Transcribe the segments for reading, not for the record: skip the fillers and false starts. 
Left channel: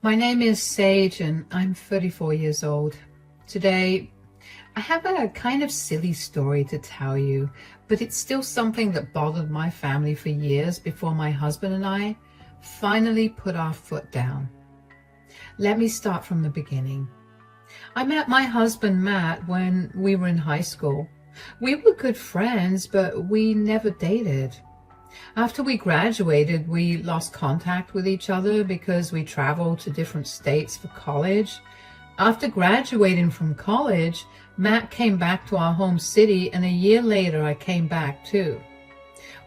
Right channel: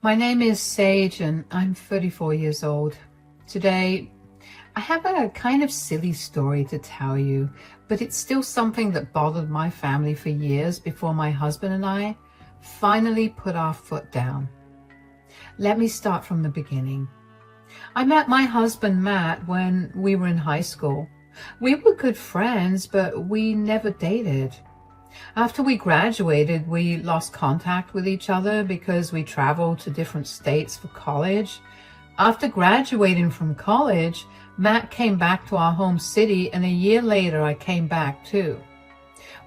My name is Sage and I'm 34 years old. Today, I have a kind of silly story to tell you, but it's still something that bothered my family for years before my husband and I finally put our foot down. Let me start from the beginning. I met my husband Matt when we were in high school. We were good friends, but we never dated. After we graduated, we lost contact with each other because we traveled to different states for college. After graduating from college, Matt came back to our home city, and a year later I came back too.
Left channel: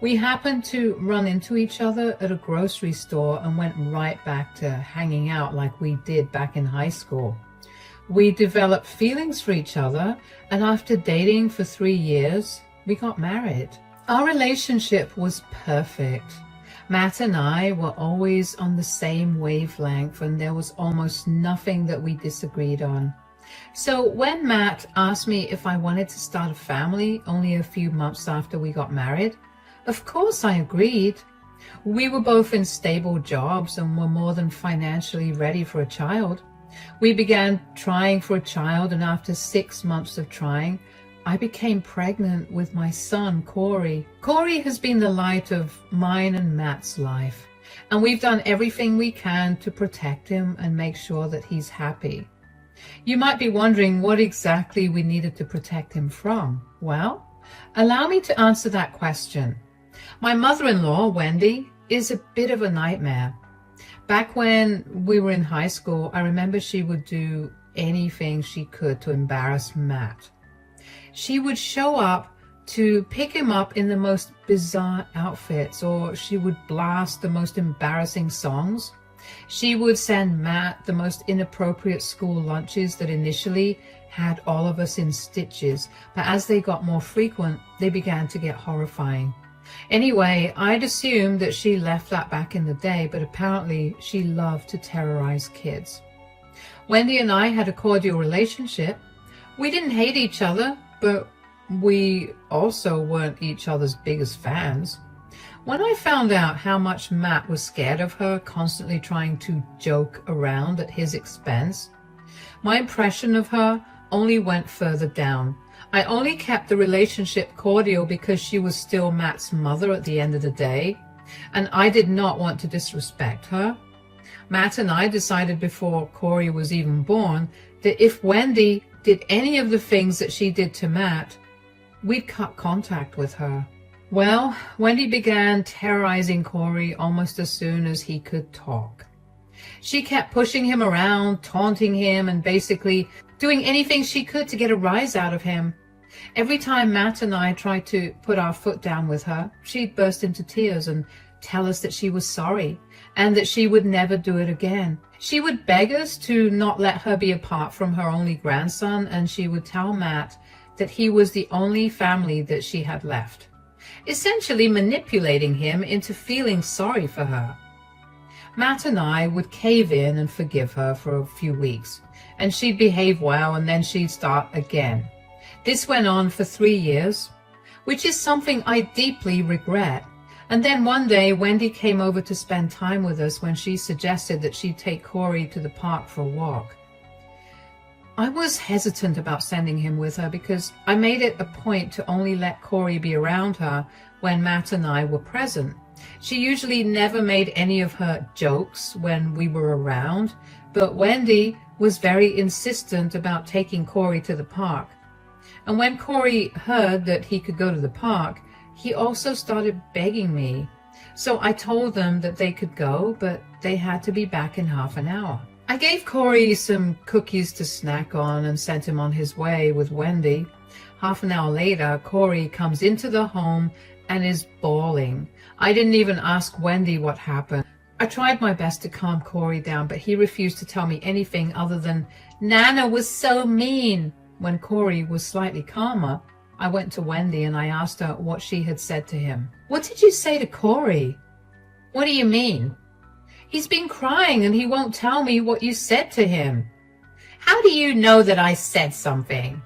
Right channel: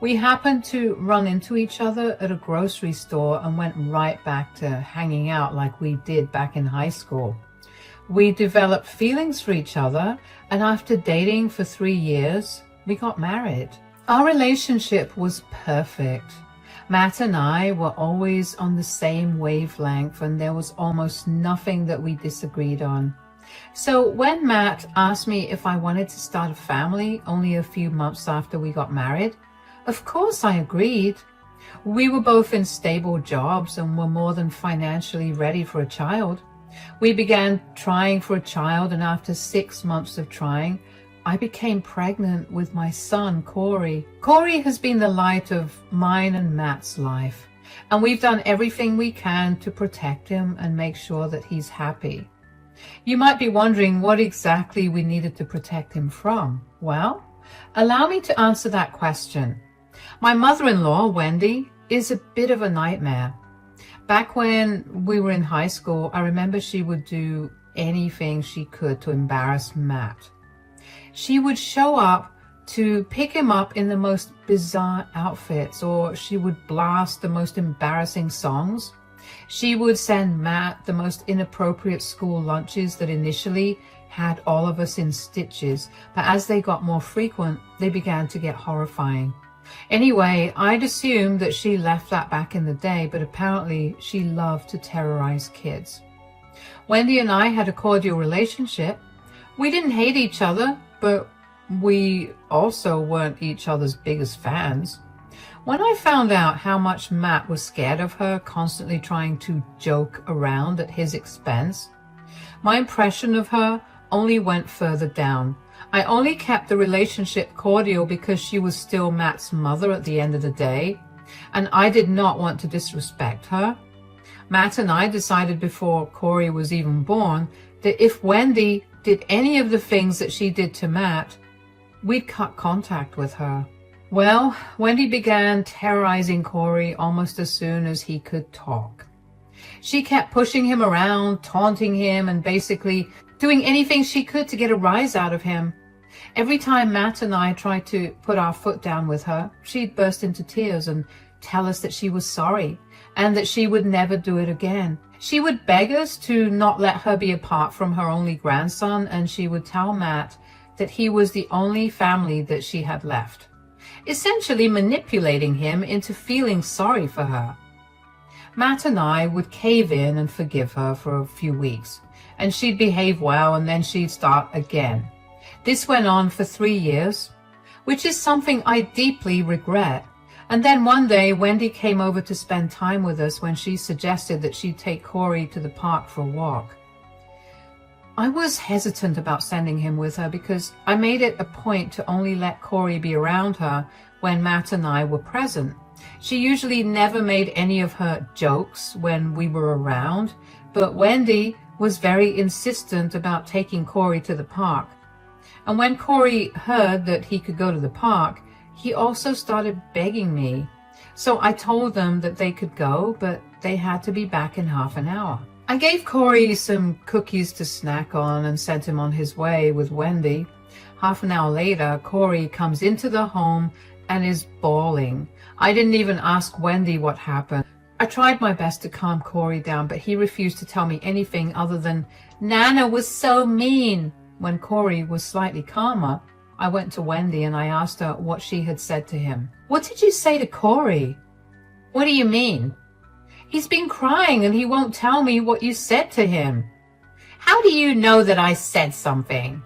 We happened to run into each other at a grocery store and went right back to hanging out like we did back in high school. We developed feelings for each other, and after dating for 3 years, we got married. Our relationship was perfect. Matt and I were always on the same wavelength, and there was almost nothing that we disagreed on. So when Matt asked me if I wanted to start a family only a few months after we got married, of course I agreed. We were both in stable jobs and were more than financially ready for a child. We began trying for a child, and after 6 months of trying, I became pregnant with my son, Corey. Corey has been the light of mine and Matt's life, and we've done everything we can to protect him and make sure that he's happy. You might be wondering what exactly we needed to protect him from. Well, allow me to answer that question. My mother-in-law, Wendy, is a bit of a nightmare. Back when we were in high school, I remember she would do anything she could to embarrass Matt. She would show up to pick him up in the most bizarre outfits, or she would blast the most embarrassing songs. She would send Matt the most inappropriate school lunches that initially had all of us in stitches, but as they got more frequent, they began to get horrifying. Anyway, I'd assumed that she left that back in the day, but apparently she loved to terrorize kids. Wendy and I had a cordial relationship. We didn't hate each other, but we also weren't each other's biggest fans. When I found out how much Matt was scared of her, constantly trying to joke around at his expense, my impression of her only went further down. I only kept the relationship cordial because she was still Matt's mother at the end of the day, and I did not want to disrespect her. Matt and I decided before Corey was even born that if Wendy did any of the things that she did to Matt, we'd cut contact with her. Well, Wendy began terrorizing Corey almost as soon as he could talk. She kept pushing him around, taunting him, and basically doing anything she could to get a rise out of him. Every time Matt and I tried to put our foot down with her, she'd burst into tears and tell us that she was sorry and that she would never do it again. She would beg us to not let her be apart from her only grandson, and she would tell Matt that he was the only family that she had left, essentially manipulating him into feeling sorry for her. Matt and I would cave in and forgive her for a few weeks, and she'd behave well, and then she'd start again. This went on for 3 years, which is something I deeply regret. And then one day, Wendy came over to spend time with us when she suggested that she'd take Corey to the park for a walk. I was hesitant about sending him with her because I made it a point to only let Corey be around her when Matt and I were present. She usually never made any of her jokes when we were around, but Wendy was very insistent about taking Corey to the park. And when Corey heard that he could go to the park, he also started begging me. So I told them that they could go, but they had to be back in half an hour. I gave Corey some cookies to snack on and sent him on his way with Wendy. Half an hour later, Corey comes into the home and is bawling. I didn't even ask Wendy what happened. I tried my best to calm Corey down, but he refused to tell me anything other than, "Nana was so mean." When Corey was slightly calmer, I went to Wendy and I asked her what she had said to him. "What did you say to Corey?" "What do you mean?" "He's been crying and he won't tell me what you said to him." "How do you know that I said something?"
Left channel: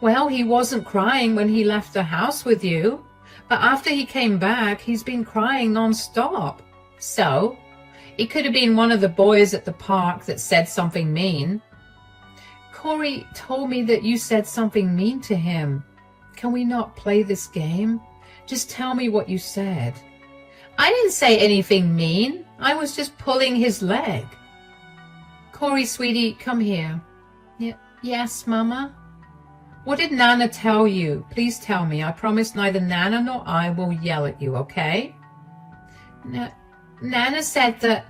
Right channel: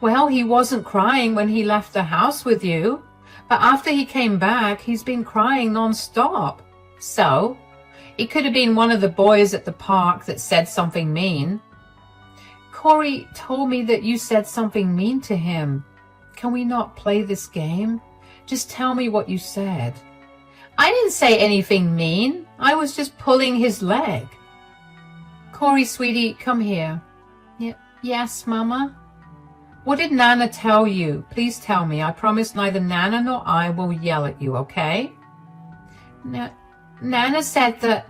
"Well, he wasn't crying when he left the house with you, but after he came back, he's been crying non-stop." "So? It could have been one of the boys at the park that said something mean. Corey told me that you said something mean to him. Can we not play this game? Just tell me what you said. I didn't say anything mean. I was just pulling his leg. Corey, sweetie, come here. Yes, Mama? What did Nana tell you? Please tell me. I promise neither Nana nor I will yell at you, okay? Nana said that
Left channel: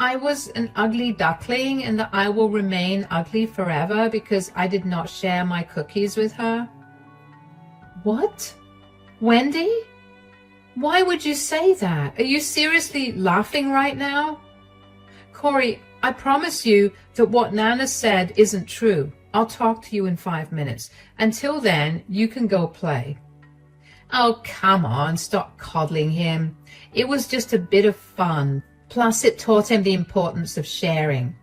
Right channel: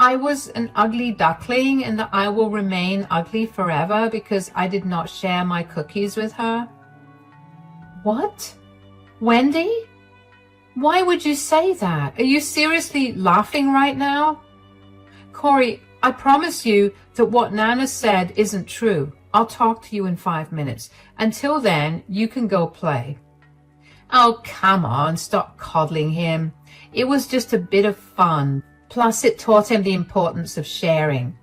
I was an ugly duckling and that I will remain ugly forever because I did not share my cookies with her. What? Wendy? Why would you say that? Are you seriously laughing right now? Corey, I promise you that what Nana said isn't true. I'll talk to you in 5 minutes. Until then, you can go play. Oh, come on, stop coddling him. It was just a bit of fun. Plus, it taught him the importance of sharing.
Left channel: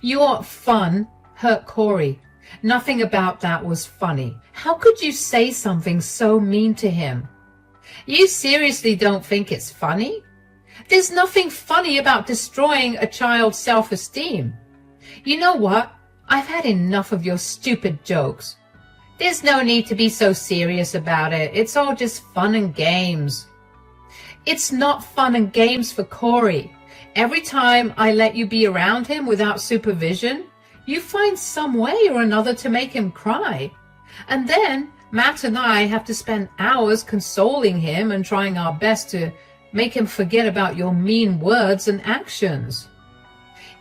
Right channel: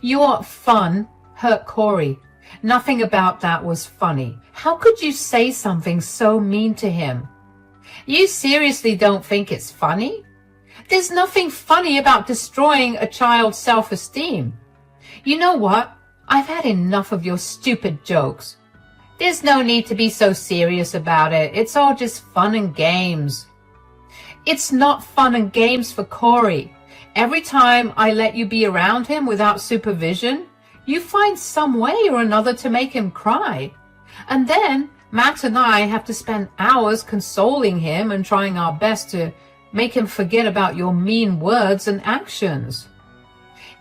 Your fun hurt Corey. Nothing about that was funny. How could you say something so mean to him? You seriously don't think it's funny? There's nothing funny about destroying a child's self-esteem. You know what? I've had enough of your stupid jokes. There's no need to be so serious about it. It's all just fun and games. It's not fun and games for Corey. Every time I let you be around him without supervision, you find some way or another to make him cry. And then Matt and I have to spend hours consoling him and trying our best to make him forget about your mean words and actions.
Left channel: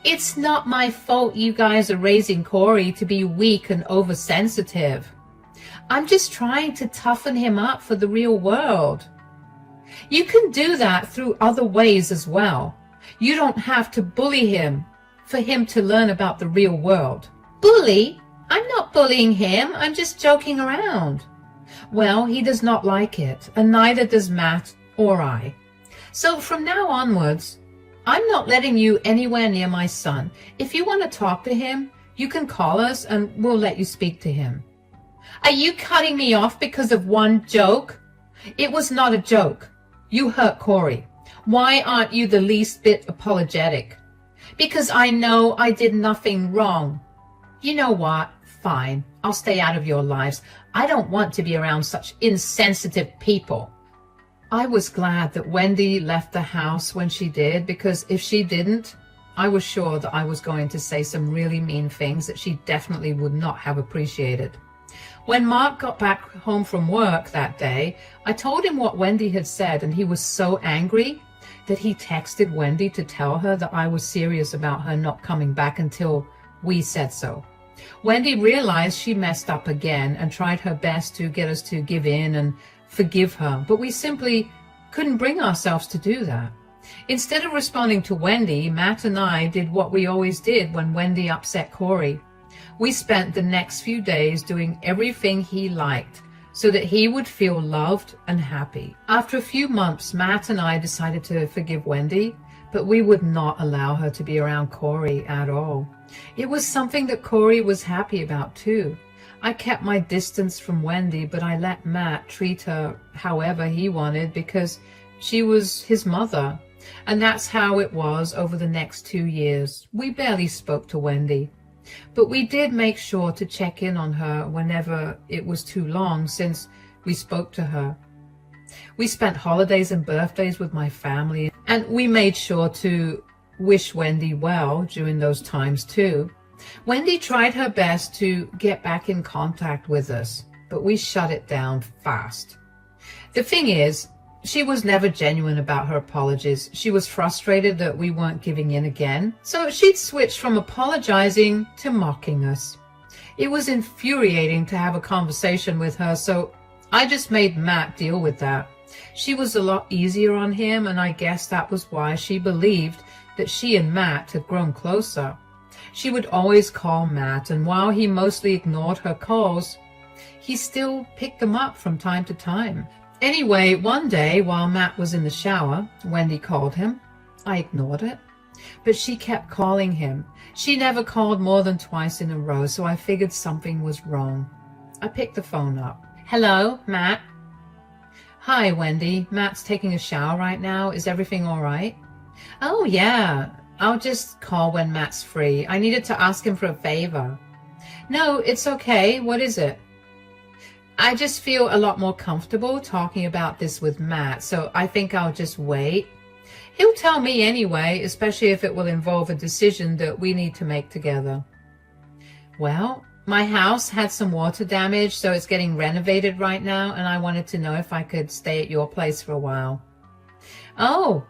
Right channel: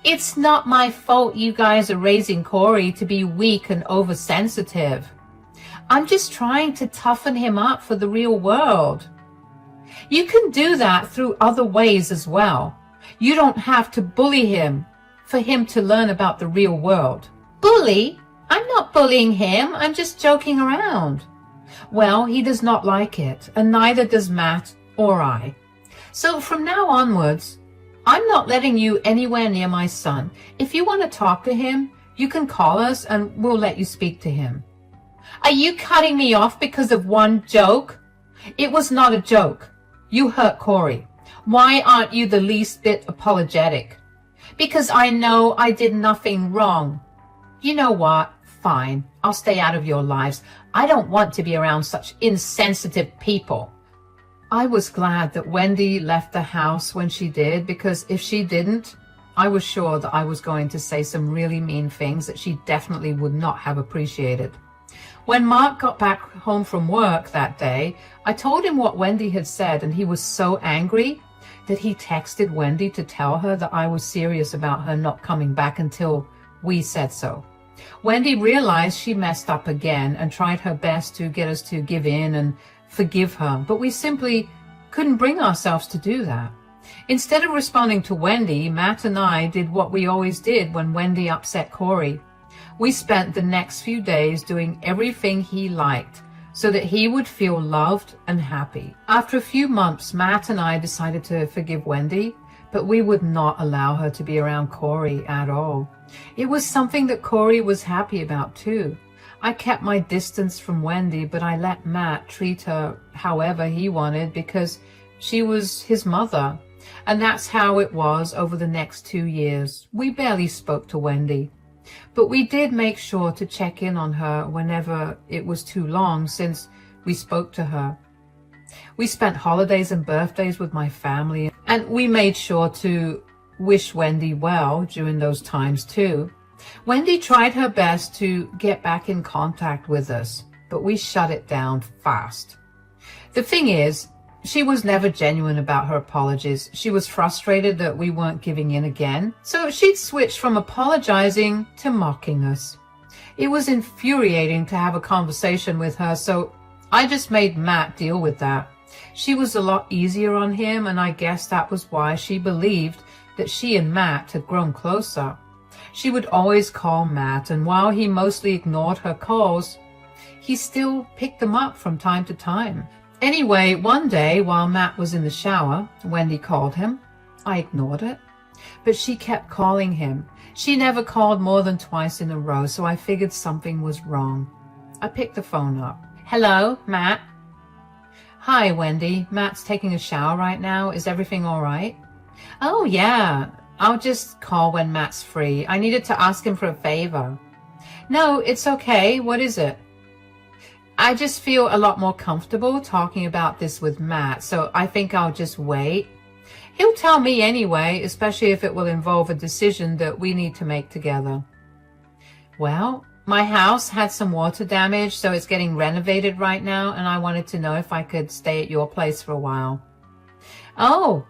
It's not my fault you guys are raising Corey to be weak and oversensitive. I'm just trying to toughen him up for the real world. You can do that through other ways as well. You don't have to bully him for him to learn about the real world. Bully? I'm not bullying him. I'm just joking around. Well, he does not like it, and neither does Matt or I. So from now onwards, I'm not letting you anywhere near my son. If you want to talk to him, you can call us and we'll let you speak to him. Are you cutting me off because of one joke? It was not a joke. You hurt Corey. Why aren't you the least bit apologetic? Because I know I did nothing wrong. You know what? Fine. I'll stay out of your lives. I don't want to be around such insensitive people. I was glad that Wendy left the house when she did, because if she didn't, I was sure that I was going to say some really mean things that she definitely would not have appreciated. When Mark got back home from work that day, I told him what Wendy had said, and he was so angry that he texted Wendy to tell her that I was serious about her not coming back until we said so. Wendy realized she messed up again and tried her best to get us to give in and forgive her, but we simply couldn't bring ourselves to do that. Instead of responding to Wendy, Matt and I did what we always did when Wendy upset Corey. We spent the next few days doing everything he liked so that he would feel loved and happy. After a few months, Matt and I decided to forgive Wendy, but we would not allow her to be around Corey at all. It was something that Corey was happy about too. I kept my distance from Wendy, but I let Matt treat her however he wanted because she was his mother. And that's how it was over the next 2 years. We barely spoke to Wendy, but we did make sure to check in on her whenever it was too long since we spoke to her. We spent holidays and birthdays with my family, and we made sure to wish Wendy well during those times too. Wendy tried her best to get back in contact with us, but we shut it down fast. The thing is, she was never genuine about her apologies. She was frustrated that we weren't giving in again, so she'd switched from apologizing to mocking us. It was infuriating to have a conversation with her, so I just made Matt deal with that. She was a lot easier on him, and I guess that was why she believed that she and Matt had grown closer. She would always call Matt, and while he mostly ignored her calls, he still picked them up from time to time. Anyway, one day while Matt was in the shower, Wendy called him. I ignored it, but she kept calling him. She never called more than twice in a row, so I figured something was wrong. I picked the phone up. Hello, Matt? Hi, Wendy. Matt's taking a shower right now. Is everything all right? Oh, yeah. I'll just call when Matt's free. I needed to ask him for a favor. No, it's okay. What is it? I just feel a lot more comfortable talking about this with Matt, so I think I'll just wait. He'll tell me anyway, especially if it will involve a decision that we need to make together. Well, my house had some water damage, so it's getting renovated right now, and I wanted to know if I could stay at your place for a while. Oh,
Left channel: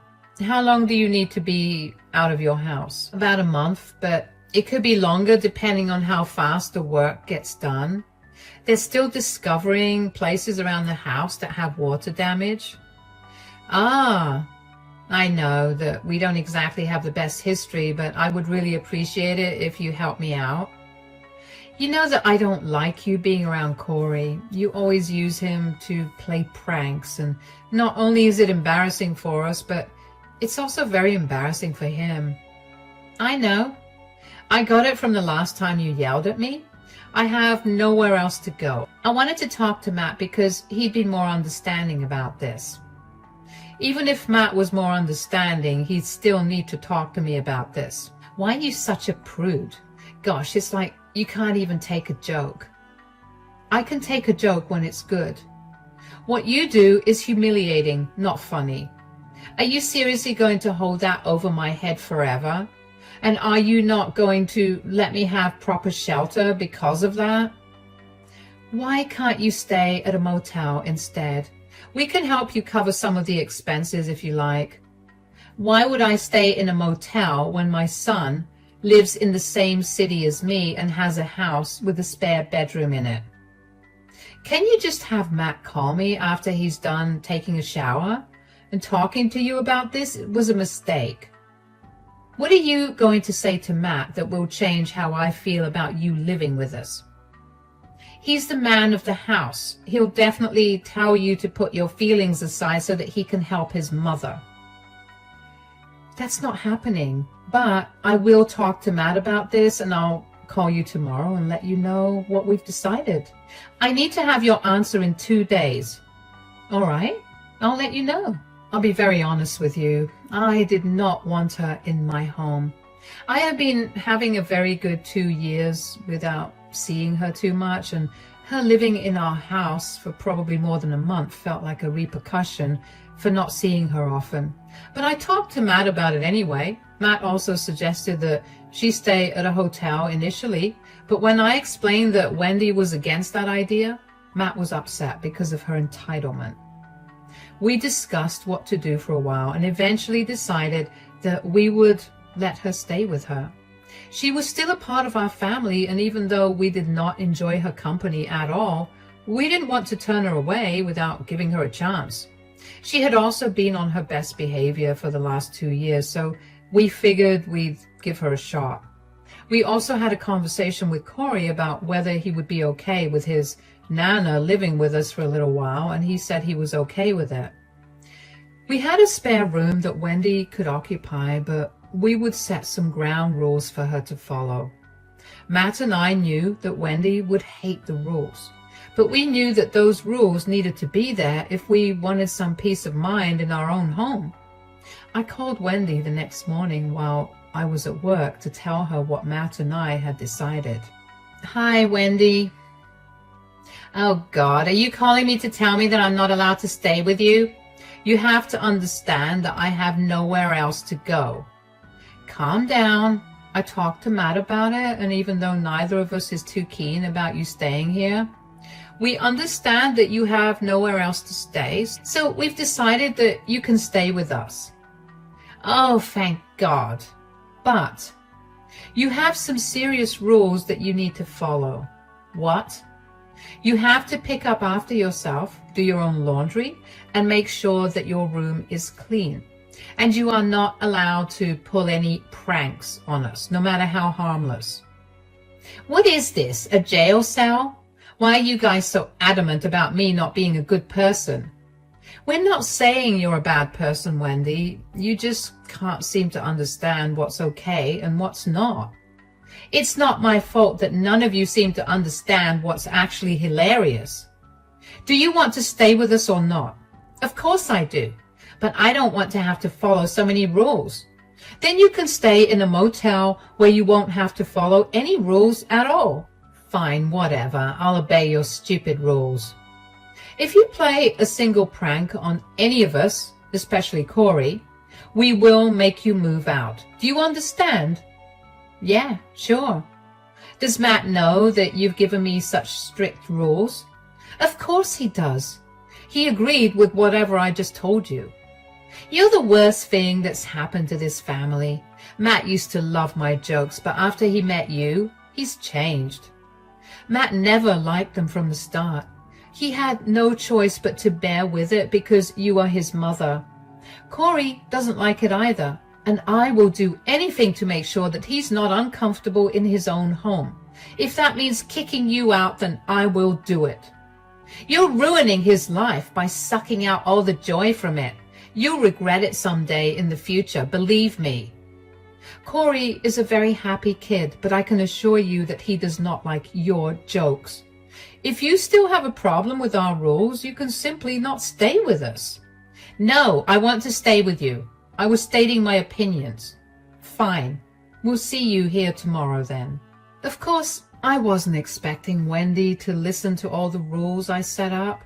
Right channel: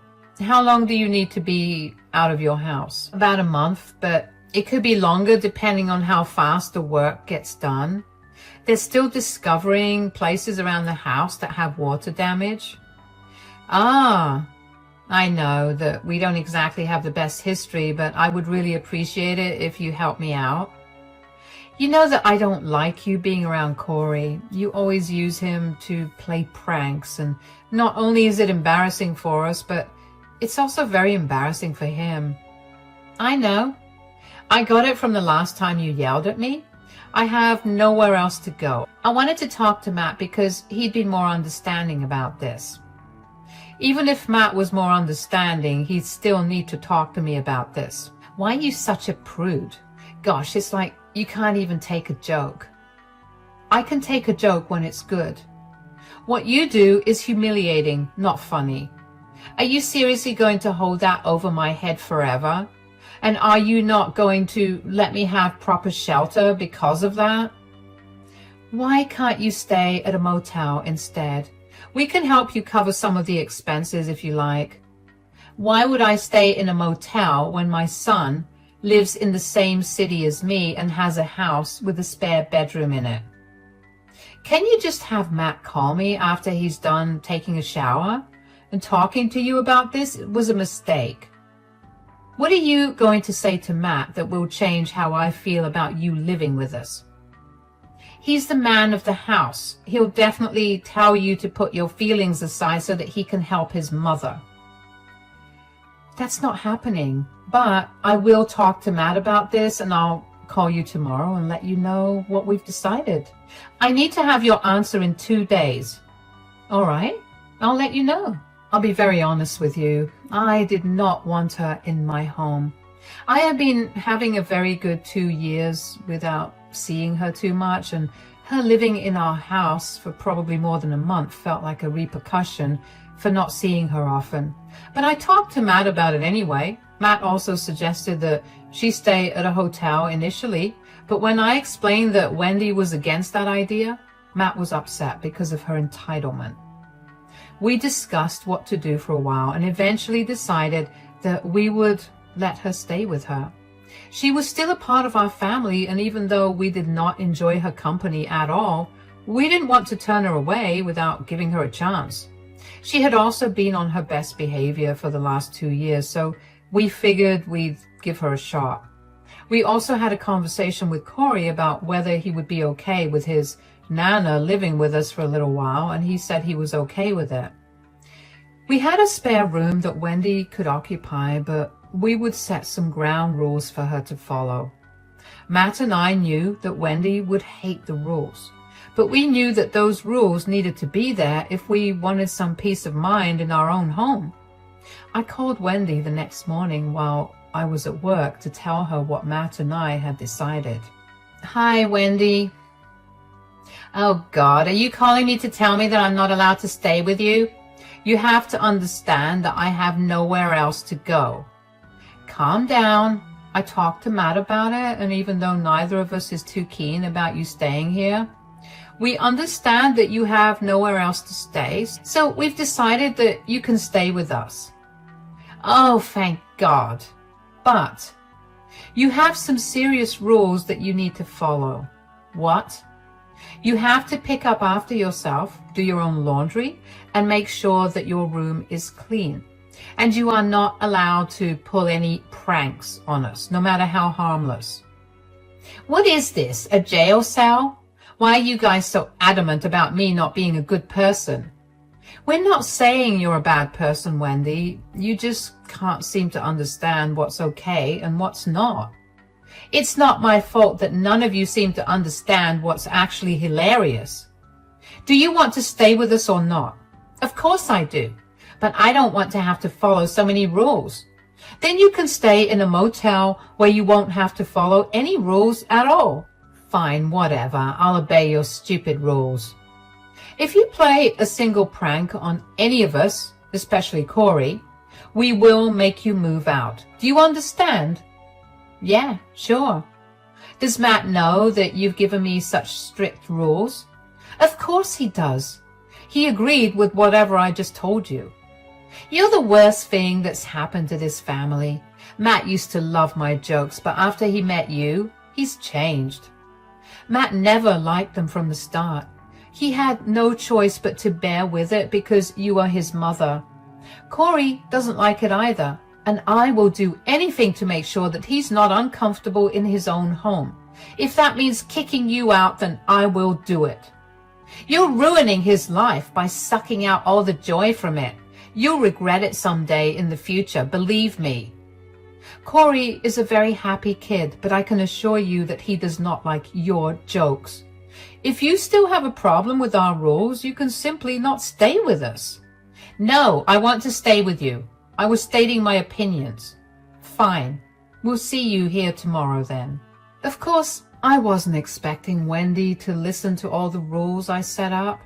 how long do you need to be out of your house? About a month, but it could be longer depending on how fast the work gets done. They're still discovering places around the house that have water damage. Ah, I know that we don't exactly have the best history, but I would really appreciate it if you help me out. You know that I don't like you being around Corey. You always use him to play pranks, and not only is it embarrassing for us, but it's also very embarrassing for him. I know. I got it from the last time you yelled at me. I have nowhere else to go. I wanted to talk to Matt because he'd be more understanding about this. Even if Matt was more understanding, he'd still need to talk to me about this. Why are you such a prude? Gosh, it's like you can't even take a joke. I can take a joke when it's good. What you do is humiliating, not funny. Are you seriously going to hold that over my head forever? And are you not going to let me have proper shelter because of that? Why can't you stay at a motel instead? We can help you cover some of the expenses if you like. Why would I stay in a motel when my son lives in the same city as me and has a house with a spare bedroom in it? Can you just have Matt call me after he's done taking a shower and talking to you about this? It was a mistake. What are you going to say to Matt that will change how I feel about you living with us? He's the man of the house. He'll definitely tell you to put your feelings aside so that he can help his mother. That's not happening, but I will talk to Matt about this, and I'll call you tomorrow and let you know what we've decided. I need to have your answer in 2 days. All right, I'll let you know. I'll be very honest with you. I did not want her in my home. I have been having a very good 2 years without seeing her too much, and her living in our house for probably more than a month felt like a repercussion for not seeing her often. But I talked to Matt about it anyway. Matt also suggested that she stay at a hotel initially, but when I explained that Wendy was against that idea, Matt was upset because of her entitlement. We discussed what to do for a while and eventually decided that we would let her stay with her. She was still a part of our family, and even though we did not enjoy her company at all, we didn't want to turn her away without giving her a chance. She had also been on her best behavior for the last 2 years, so we figured we'd give her a shot. We also had a conversation with Corey about whether he would be okay with his Nana living with us for a little while, and he said he was okay with it. We had a spare room that Wendy could occupy, but we would set some ground rules for her to follow. Matt and I knew that Wendy would hate the rules, but we knew that those rules needed to be there if we wanted some peace of mind in our own home. I called Wendy the next morning while I was at work to tell her what Matt and I had decided. Hi, Wendy. Oh God, are you calling me to tell me that I'm not allowed to stay with you? You have to understand that I have nowhere else to go. Calm down. I talked to Matt about it, and even though neither of us is too keen about you staying here, we understand that you have nowhere else to stay, so we've decided that you can stay with us. Oh, thank God. But you have some serious rules that you need to follow. What? You have to pick up after yourself, do your own laundry, and make sure that your room is clean. And you are not allowed to pull any pranks on us, no matter how harmless. What is this, a jail cell? Why are you guys so adamant about me not being a good person? We're not saying you're a bad person, Wendy. You just can't seem to understand what's okay and what's not. It's not my fault that none of you seem to understand what's actually hilarious. Do you want to stay with us or not? Of course I do. but I don't want to have to follow so many rules. Then you can stay in a motel where you won't have to follow any rules at all. Fine, whatever. I'll obey your stupid rules. If you play a single prank on any of us, especially Corey, we will make you move out. Do you understand? Yeah, sure. Does Matt know that you've given me such strict rules? Of course he does. He agreed with whatever I just told you. You're the worst thing that's happened to this family. Matt used to love my jokes, but after he met you, he's changed. Matt never liked them from the start. He had no choice but to bear with it because you are his mother. Corey doesn't like it either, and I will do anything to make sure that he's not uncomfortable in his own home. If that means kicking you out, then I will do it. You're ruining his life by sucking out all the joy from it. You'll regret it someday in the future, believe me. Corey is a very happy kid, but I can assure you that he does not like your jokes. If you still have a problem with our rules, you can simply not stay with us. No, I want to stay with you. I was stating my opinions. Fine. We'll see you here tomorrow then. Of course, I wasn't expecting Wendy to listen to all the rules I set up,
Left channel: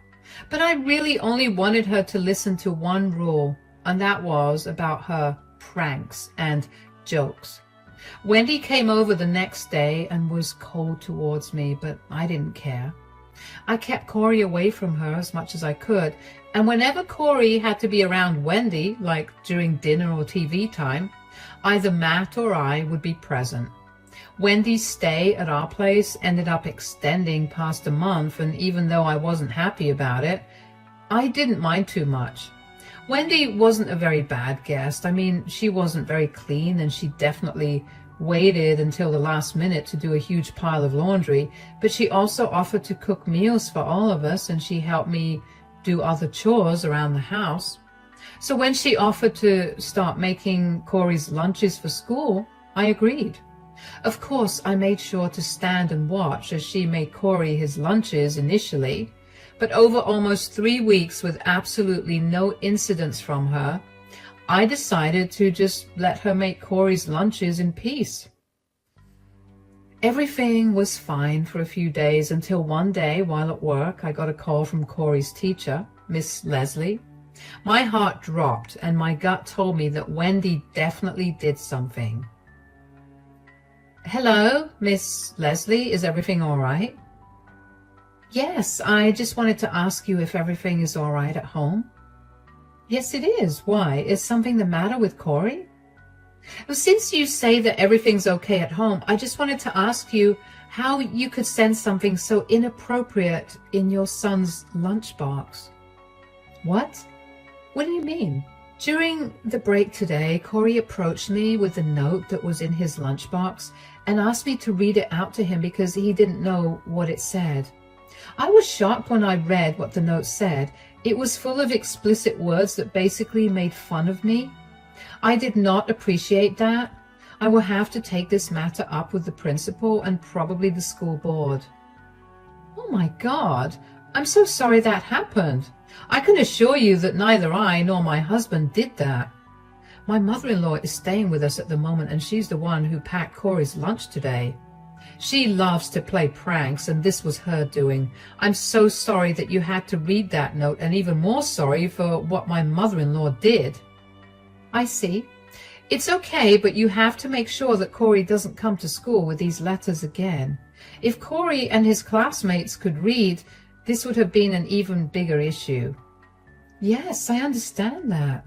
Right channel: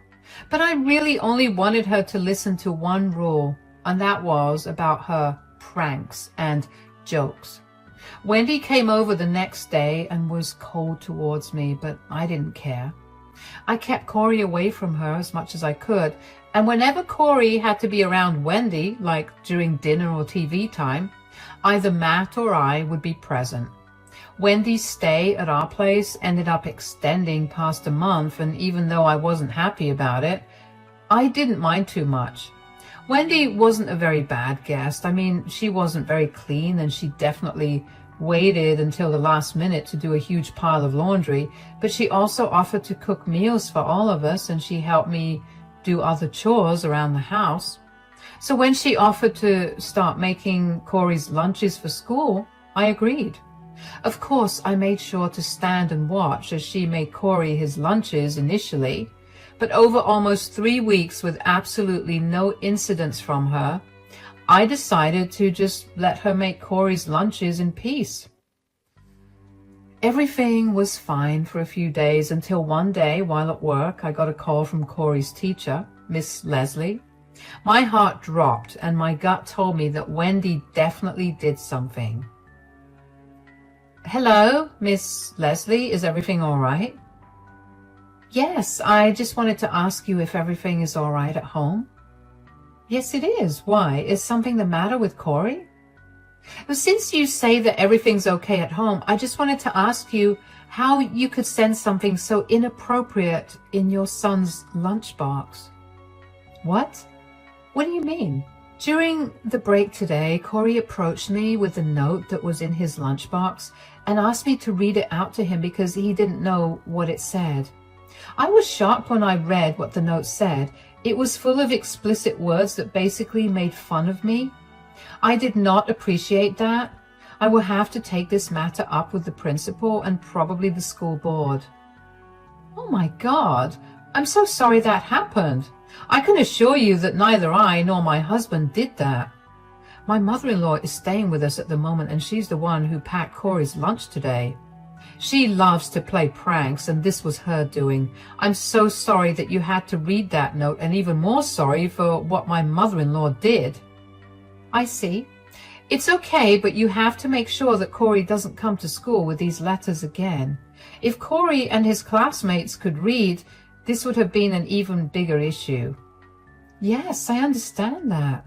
but I really only wanted her to listen to one rule, and that was about her pranks and jokes. Wendy came over the next day and was cold towards me, but I didn't care. I kept Corey away from her as much as I could, and whenever Corey had to be around Wendy, like during dinner or TV time, either Matt or I would be present. Wendy's stay at our place ended up extending past a month, and even though I wasn't happy about it, I didn't mind too much. Wendy wasn't a very bad guest. I mean, she wasn't very clean, and she definitely waited until the last minute to do a huge pile of laundry, but she also offered to cook meals for all of us, and she helped me do other chores around the house. So when she offered to start making Corey's lunches for school, I agreed. Of course, I made sure to stand and watch as she made Corey his lunches initially, but over almost 3 weeks with absolutely no incidents from her, I decided to just let her make Corey's lunches in peace. Everything was fine for a few days until one day while at work, I got a call from Corey's teacher, Miss Leslie. My heart dropped and my gut told me that Wendy definitely did something. Hello, Miss Leslie, is everything all right? Yes, I just wanted to ask you if everything is all right at home. Yes, it is. Why? Is something the matter with Corey? Well, since you say that everything's okay at home, I just wanted to ask you how you could send something so inappropriate in your son's lunchbox. What? What do you mean? During the break today, Corey approached me with a note that was in his lunchbox and asked me to read it out to him because he didn't know what it said. I was shocked when I read what the note said. It was full of explicit words that basically made fun of me. I did not appreciate that. I will have to take this matter up with the principal and probably the school board. Oh my God, I'm so sorry that happened. I can assure you that neither I nor my husband did that. My mother-in-law is staying with us at the moment, and she's the one who packed Corey's lunch today. She loves to play pranks, and this was her doing. I'm so sorry that you had to read that note, and even more sorry for what my mother-in-law did. I see. It's okay, but you have to make sure that Corey doesn't come to school with these letters again. If Corey and his classmates could read, this would have been an even bigger issue. Yes, I understand that.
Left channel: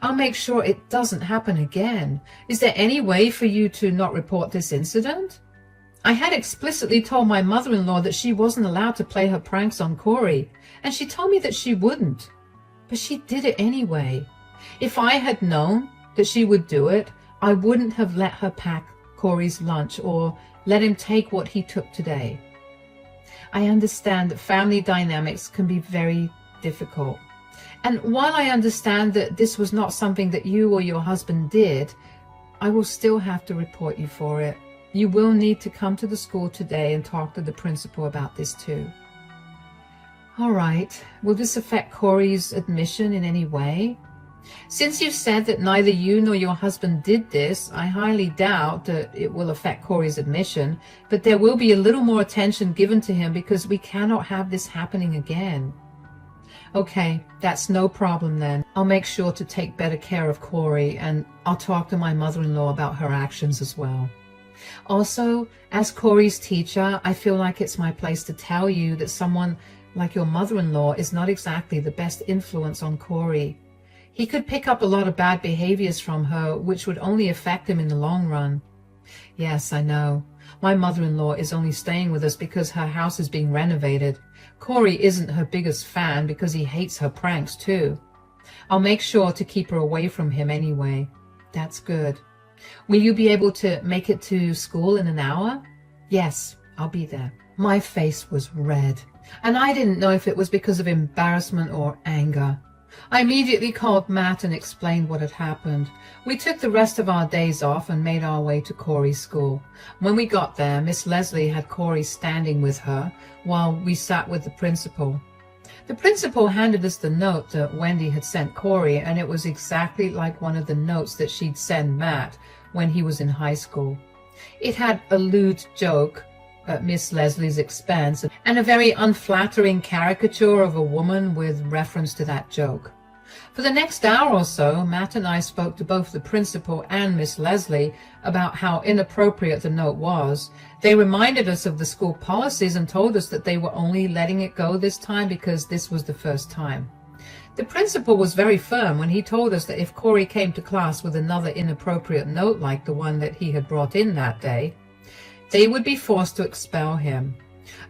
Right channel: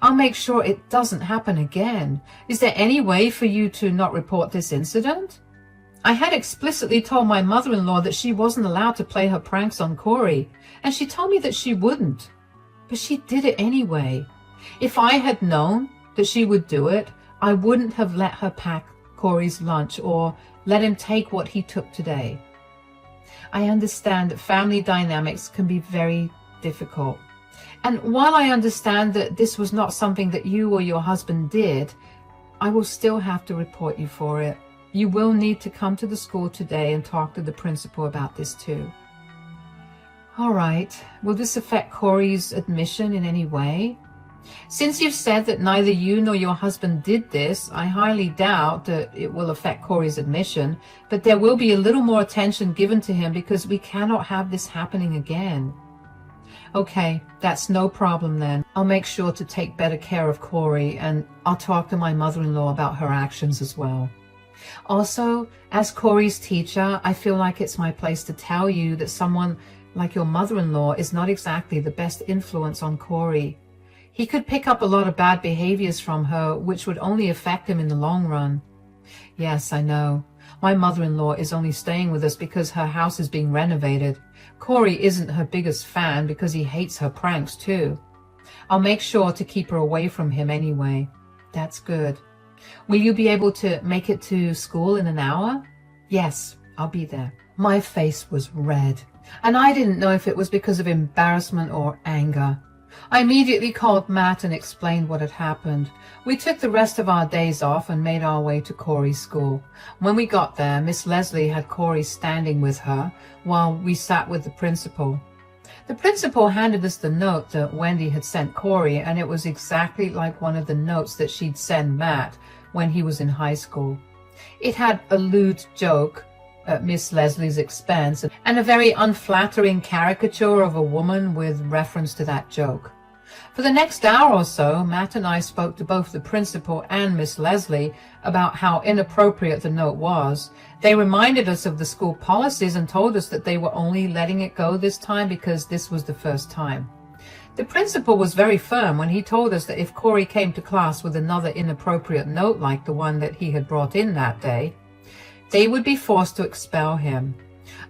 I'll make sure it doesn't happen again. Is there any way for you to not report this incident? I had explicitly told my mother-in-law that she wasn't allowed to play her pranks on Corey, and she told me that she wouldn't. But she did it anyway. If I had known that she would do it, I wouldn't have let her pack Corey's lunch or let him take what he took today. I understand that family dynamics can be very difficult. And while I understand that this was not something that you or your husband did, I will still have to report you for it. You will need to come to the school today and talk to the principal about this too. All right. Will this affect Corey's admission in any way? Since you've said that neither you nor your husband did this, I highly doubt that it will affect Corey's admission, but there will be a little more attention given to him because we cannot have this happening again. Okay, that's no problem then. I'll make sure to take better care of Corey, and I'll talk to my mother-in-law about her actions as well. Also, as Corey's teacher, I feel like it's my place to tell you that someone like your mother-in-law is not exactly the best influence on Corey. He could pick up a lot of bad behaviors from her, which would only affect him in the long run. Yes, I know. My mother-in-law is only staying with us because her house is being renovated. Corey isn't her biggest fan because he hates her pranks too. I'll make sure to keep her away from him anyway. That's good. Will you be able to make it to school in an hour? Yes, I'll be there. My face was red, and I didn't know if it was because of embarrassment or anger. I immediately called Matt and explained what had happened. We took the rest of our days off and made our way to Corey's school. When we got there, Miss Leslie had Corey standing with her while we sat with the principal. The principal handed us the note that Wendy had sent Corey, and it was exactly like one of the notes that she'd send Matt when he was in high school. It had a lewd joke at Miss Leslie's expense and a very unflattering caricature of a woman with reference to that joke. For the next hour or so, Matt and I spoke to both the principal and Miss Leslie about how inappropriate the note was. They reminded us of the school policies and told us that they were only letting it go this time because this was the first time. The principal was very firm when he told us that if Corey came to class with another inappropriate note like the one that he had brought in that day, they would be forced to expel him.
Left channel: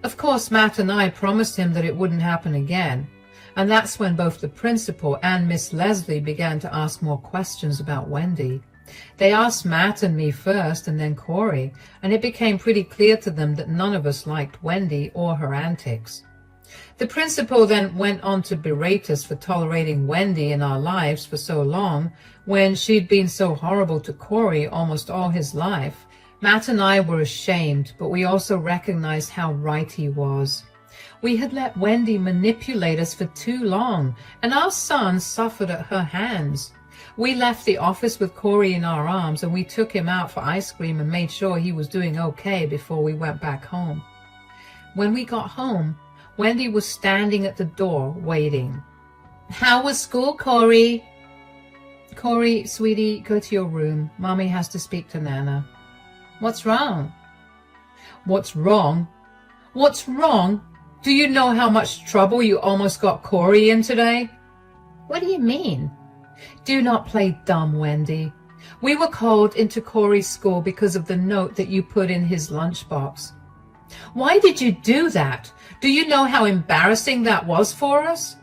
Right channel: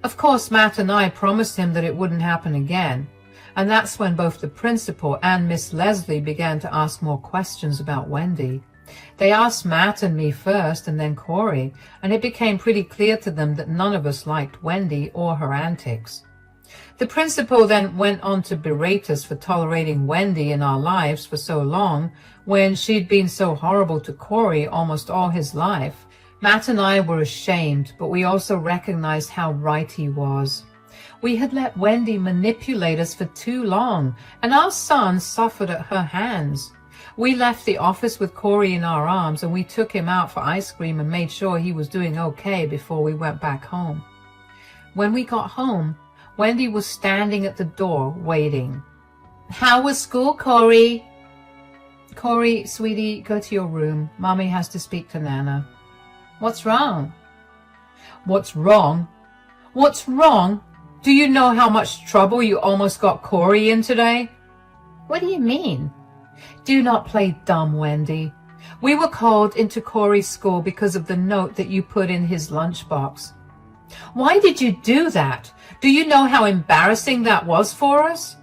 Of course, Matt and I promised him that it wouldn't happen again. And that's when both the principal and Miss Leslie began to ask more questions about Wendy. They asked Matt and me first and then Corey, and it became pretty clear to them that none of us liked Wendy or her antics. The principal then went on to berate us for tolerating Wendy in our lives for so long when she'd been so horrible to Corey almost all his life. Matt and I were ashamed, but we also recognized how right he was. We had let Wendy manipulate us for too long, and our son suffered at her hands. We left the office with Corey in our arms, and we took him out for ice cream and made sure he was doing okay before we went back home. When we got home, Wendy was standing at the door waiting. "How was school, Corey?" "Corey, sweetie, go to your room. Mommy has to speak to Nana." "What's wrong?" "What's wrong? What's wrong? Do you know how much trouble you almost got Corey in today?" "What do you mean?" "Do not play dumb, Wendy. We were called into Corey's school because of the note that you put in his lunchbox." "Why did you do that? Do you know how embarrassing that was for us?"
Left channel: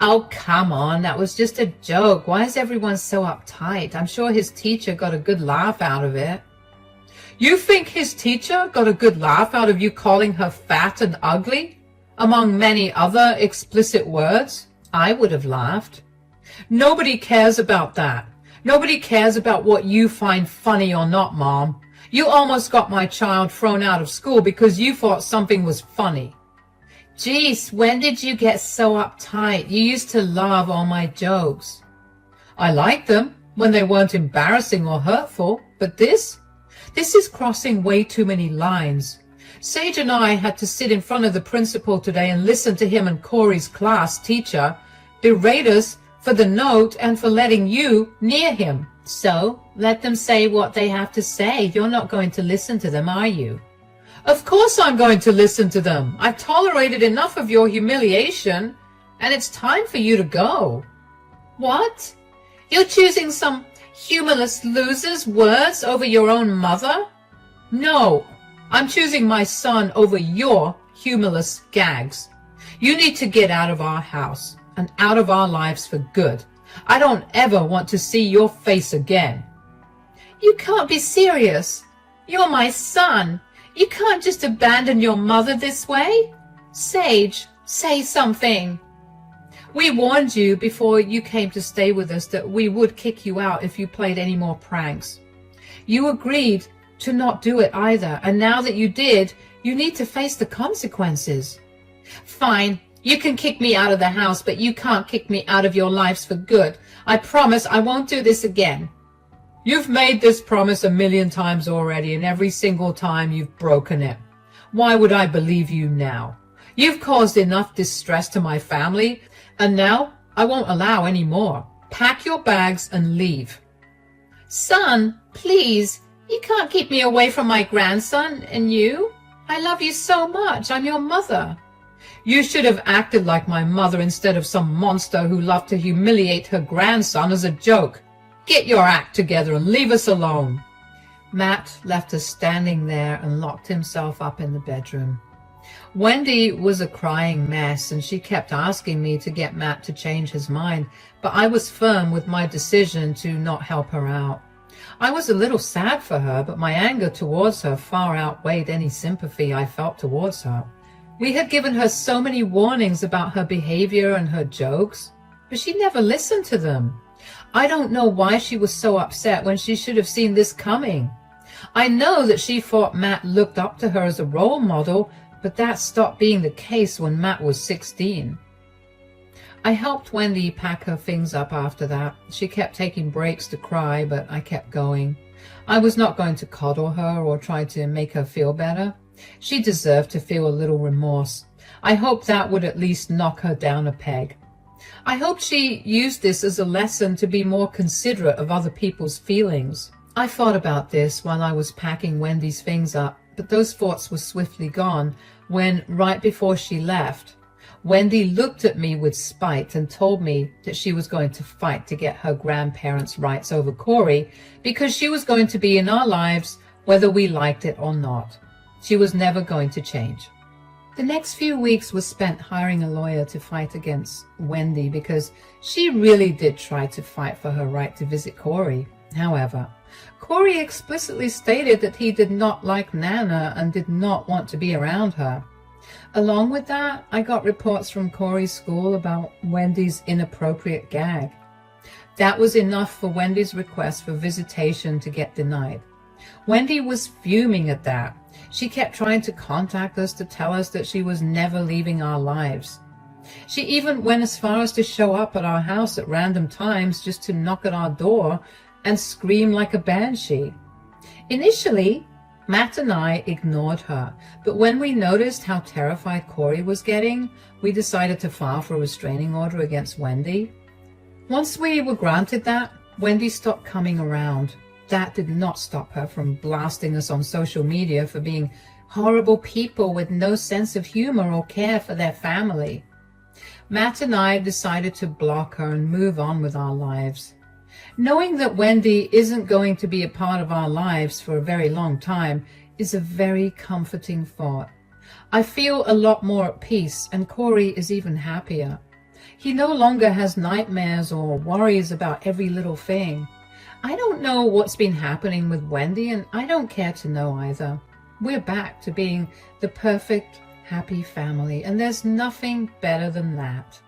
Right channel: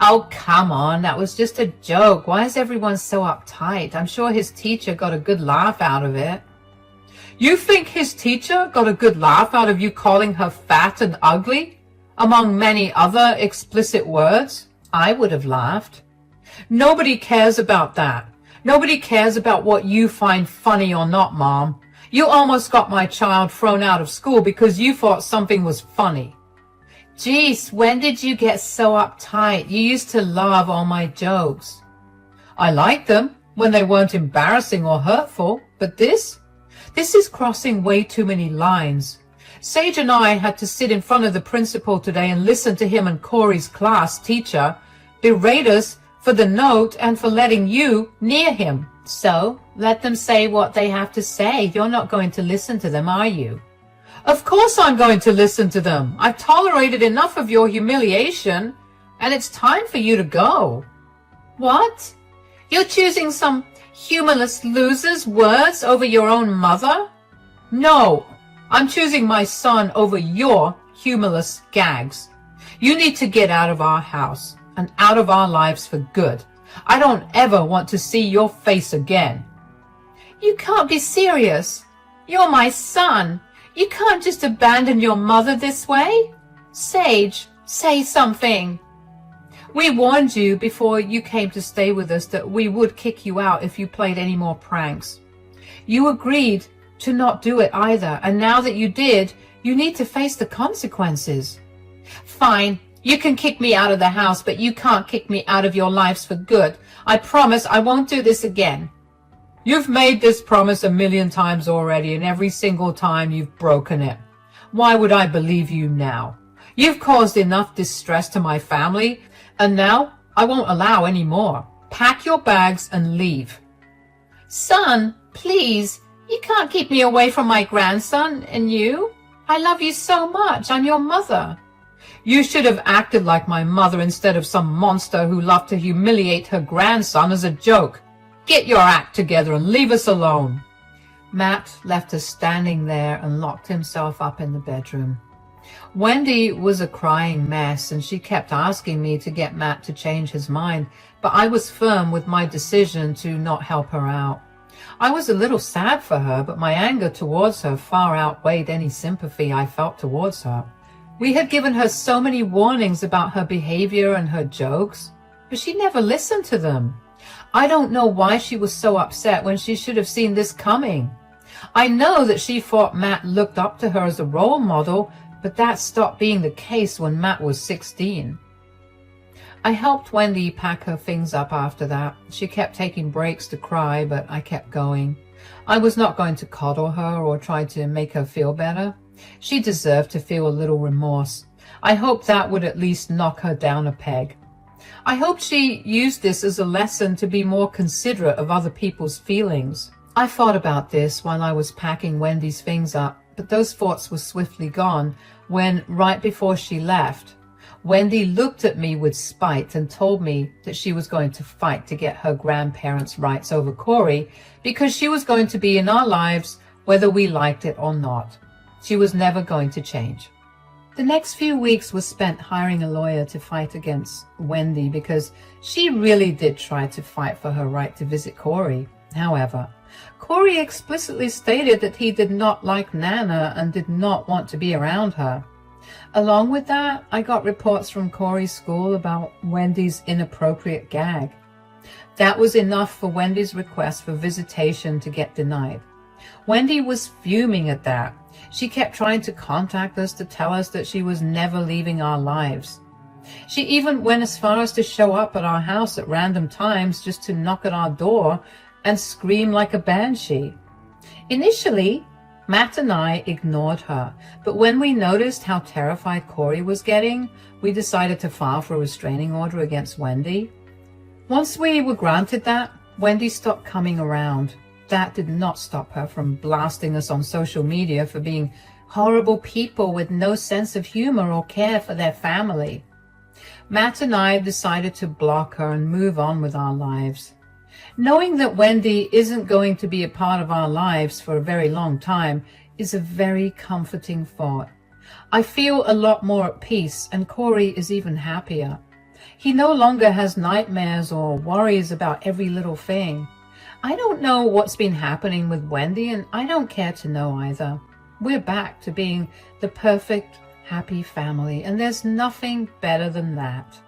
"Oh, come on, that was just a joke. Why is everyone so uptight? I'm sure his teacher got a good laugh out of it." "You think his teacher got a good laugh out of you calling her fat and ugly, among many other explicit words?" "I would have laughed." "Nobody cares about that. Nobody cares about what you find funny or not, Mom. You almost got my child thrown out of school because you thought something was funny." "Geez, when did you get so uptight? You used to love all my jokes." "I liked them when they weren't embarrassing or hurtful, but this is crossing way too many lines. Sage and I had to sit in front of the principal today and listen to him and Corey's class teacher berate us for the note and for letting you near him." "So, let them say what they have to say. You're not going to listen to them, are you?" "Of course I'm going to listen to them. I've tolerated enough of your humiliation, and it's time for you to go." "What? You're choosing some humorless loser's words over your own mother?" "No, I'm choosing my son over your humorless gags. You need to get out of our house and out of our lives for good. I don't ever want to see your face again." "You can't be serious. You're my son. You can't just abandon your mother this way. Sage, say something." "We warned you before you came to stay with us that we would kick you out if you played any more pranks. You agreed to not do it either, and now that you did, you need to face the consequences." "Fine, you can kick me out of the house, but you can't kick me out of your lives for good. I promise I won't do this again. You've made this promise 1,000,000 times already, and every single time you've broken it. Why would I believe you now? You've caused enough distress to my family, and now I won't allow any more. Pack your bags and leave. Son, please, you can't keep me away from my grandson and you. I love you so much. I'm your mother. You should have acted like my mother instead of some monster who loved to humiliate her grandson as a joke. Get your act together and leave us alone. Matt left us standing there and locked himself up in the bedroom. Wendy was a crying mess, and she kept asking me to get Matt to change his mind, but I was firm with my decision to not help her out. I was a little sad for her, but my anger towards her far outweighed any sympathy I felt towards her. We had given her so many warnings about her behavior and her jokes, but she never listened to them. I don't know why she was so upset when she should have seen this coming. I know that she thought Matt looked up to her as a role model, but that stopped being the case when Matt was 16. I helped Wendy pack her things up after that. She kept taking breaks to cry, but I kept going. I was not going to coddle her or try to make her feel better. She deserved to feel a little remorse. I hoped that would at least knock her down a peg. I hoped she used this as a lesson to be more considerate of other people's feelings. I thought about this while I was packing Wendy's things up, but those thoughts were swiftly gone when, right before she left, Wendy looked at me with spite and told me that she was going to fight to get her grandparents' rights over Corey because she was going to be in our lives whether we liked it or not. She was never going to change. The next few weeks was spent hiring a lawyer to fight against Wendy because she really did try to fight for her right to visit Corey. However, Corey explicitly stated that he did not like Nana and did not want to be around her. Along with that, I got reports from Corey's school about Wendy's inappropriate gag. That was enough for Wendy's request for visitation to get denied. Wendy was fuming at that. She kept trying to contact us to tell us that she was never leaving our lives. She even went as far as to show up at our house at random times just to knock at our door and scream like a banshee. Initially, Matt and I ignored her, but when we noticed how terrified Corey was getting, we decided to file for a restraining order against Wendy. Once we were granted that, Wendy stopped coming around. That did not stop her from blasting us on social media for being horrible people with no sense of humor or care for their family. Matt and I decided to block her and move on with our lives. Knowing that Wendy isn't going to be a part of our lives for a very long time is a very comforting thought. I feel a lot more at peace, and Corey is even happier. He no longer has nightmares or worries about every little thing. I don't know what's been happening with Wendy, and I don't care to know either. We're back to being the perfect, happy family, and there's nothing better than that.